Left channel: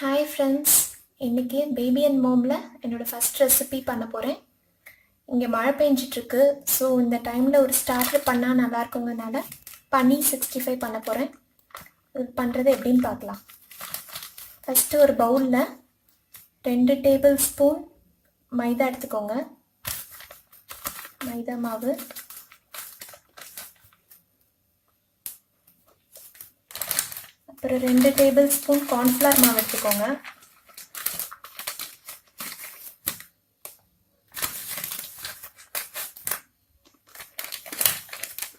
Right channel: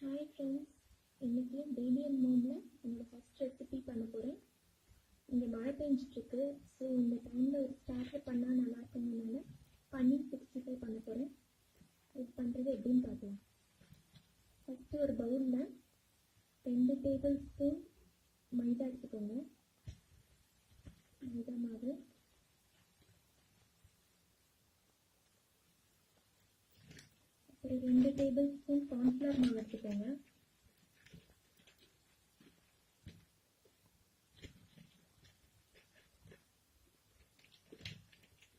Hi friends, இன்றைக்கி baby and மோமில் என்னோடய first recipe பண்ண போகிறேன். இங்கே மழை பெஞ்சிட்ருக்கு. ஸோ இந்த டைமில் ஒரு ஸ்டார்டர் பண்ணால் நல்லாயிருக்குங்கனால பன்னீர் 65 பண்ண போகிறேன். இது பண்ணுறது எப்படின்னு பார்க்கலாம். ஃபஸ்ட்டு ஒரு பவுலில் 2 டேபிள் ஸ்பூன் மைதா எடுத்துக்கோங்க. மைதா மாவு, அப்புறம் 2 டேபிள் ஸ்பூன் கார்ன்ஃப்ளவர் மாவு எடுத்துக்கோங்க.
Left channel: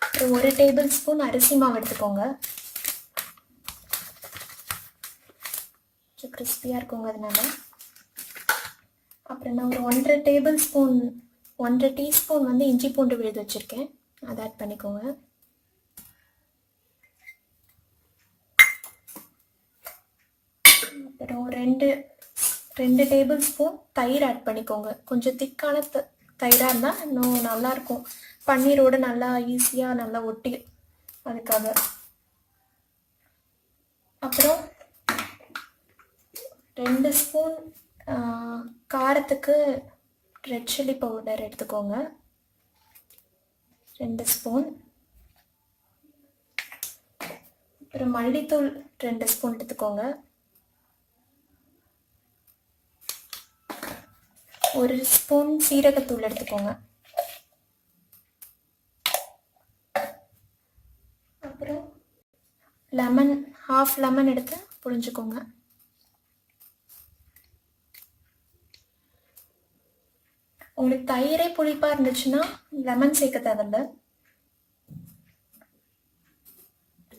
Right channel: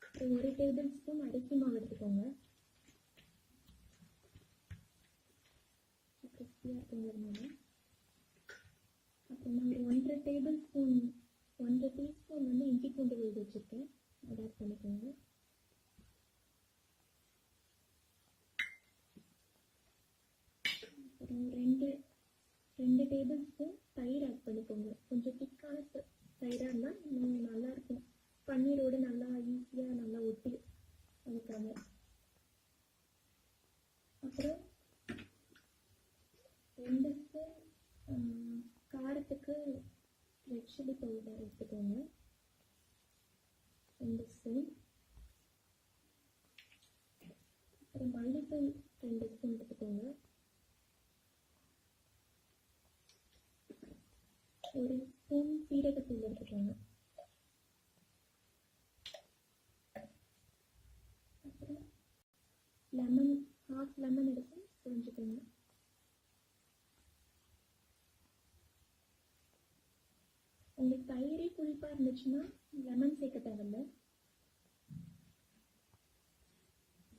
அப்புறம் 1 டேபிள் ஸ்பூன் அரிசி மாவு எடுத்துக்கோங்க. கொஞ்சம் கிறிஸ்பியாக இருக்குங்க அதனால. அப்புறம் நான் ஒரு 1.5 டீஸ்பூன் வந்து இஞ்சி பூண்டு விழுது வச்சுருக்கேன், அதை ஆட் பண்ணிக்கோங்க. அப்புறம் 2 டேபிள் ஸ்பூன் தயிர் ஆட் பண்ணிக்கோங்க. கொஞ்சம் திக்கான தயிராக இருந்தால் இன்னும் நல்லாயிருக்கும், பன்னீரோடு நல்லா ஈஸியாக நல்லா ஒட்டி, அதுக்காக. அப்புறம் 2 ஸ்பூன் காரத்துக்கு ரெட் சில்லி பவுடர் எடுத்துக்கோங்க, 2 ஸ்பூன். அப்புறம் மல்லித்தூள் 2 ஸ்பூன் எடுத்துக்கோங்க. 1 ஸ்பூன் சீரகத்தூள் எடுத்துக்கோங்க. அப்புறம் லெமன், ½ லெமன் எடுத்து புழிஞ்சுக்கோங்க. உங்களுக்கு தயிரே புளிப்பாக இருந்துச்சுன்னா லெமன் சேர்க்க தேவையில்ல.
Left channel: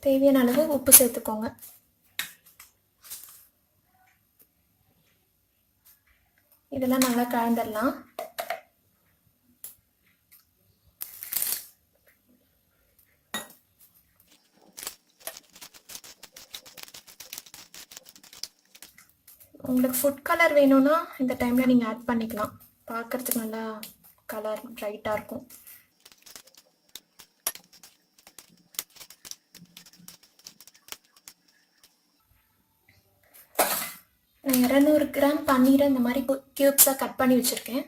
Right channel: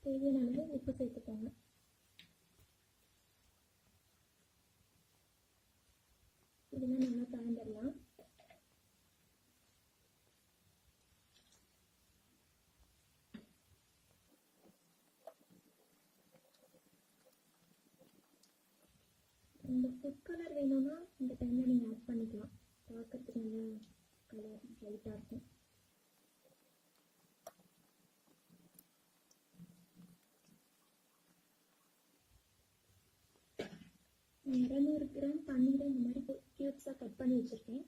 தேவையான அளவு உப்பு சேர்த்துக்கோங்க. இதெல்லாம் நல்லா கலந்துடலாம். உங்களுக்கு ஃபுட் கலர் வேணும்னா இந்த டைமில் நீங்கள் ஆட் பண்ணிக்கலாம், பார்க்குறதுக்கு நல்லா கலர் ப்ரைட்டாக இருக்கும். நான் 200 கிராம் பன்னீரை இந்த மாதிரி க்யூப்ஸாக கட் பண்ணி வச்சுருக்கேன்,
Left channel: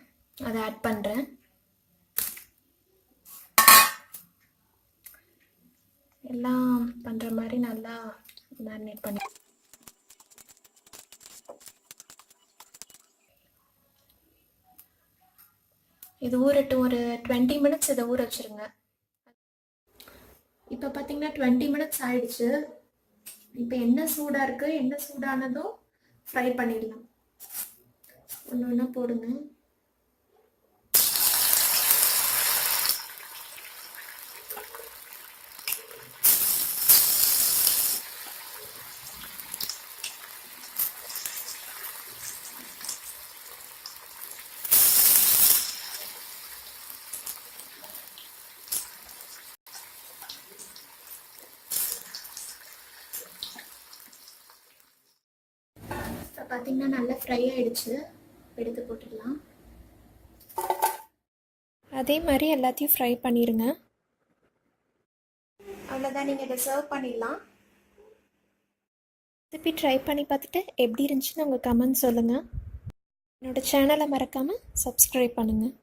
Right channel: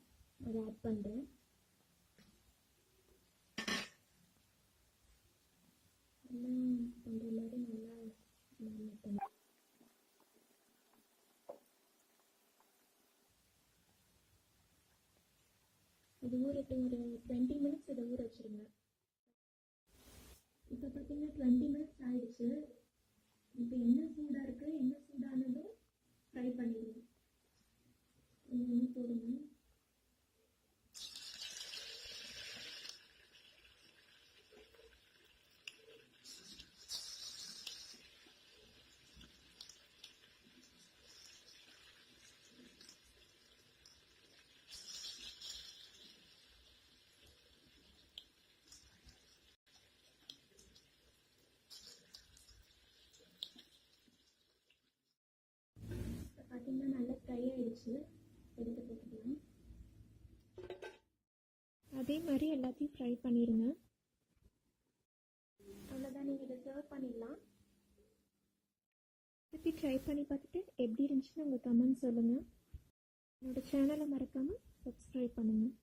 அதை ஆட் பண்ணுறேன். எல்லாம் பண்ணுற மாதிரி நல்லா மேரினேட் பண்ணி இது ஊறட்டும். ஒரு 20 மினிட்ஸ் இதை ஊற வச்சுருங்க. இப்போ பார்த்தீங்கன்னா 20 மினிட்ஸ் ஆயிடுச்சு. இப்போ என்ன சூடாக இருக்குது, என்ன சூடானதும் ஃப்ரை பண்ணிடலாம். ஒன்று ஒன்றா போடுங்க. பார்த்தீங்கன்னா நல்லா ஃப்ரை ஆகிடுச்சு, எடுத்து போட்டுடலாம். அதே மாதிரி எல்லாத்தையும் ஃப்ரை பண்ணிடுங்க. அவ்வளோதான், நீங்கள் இதை சர்வ் பண்ணிடலாம். திருப்பி ட்ரை பண்ணி பார்த்துட்டு எப்படி இருந்துச்சுன்னு உங்கள் கமெண்ட் சொல்லுங்கள். என்னோடய சேனலை மறக்காமல் சப்ஸ்கிரைப் பண்ணுங்கள்.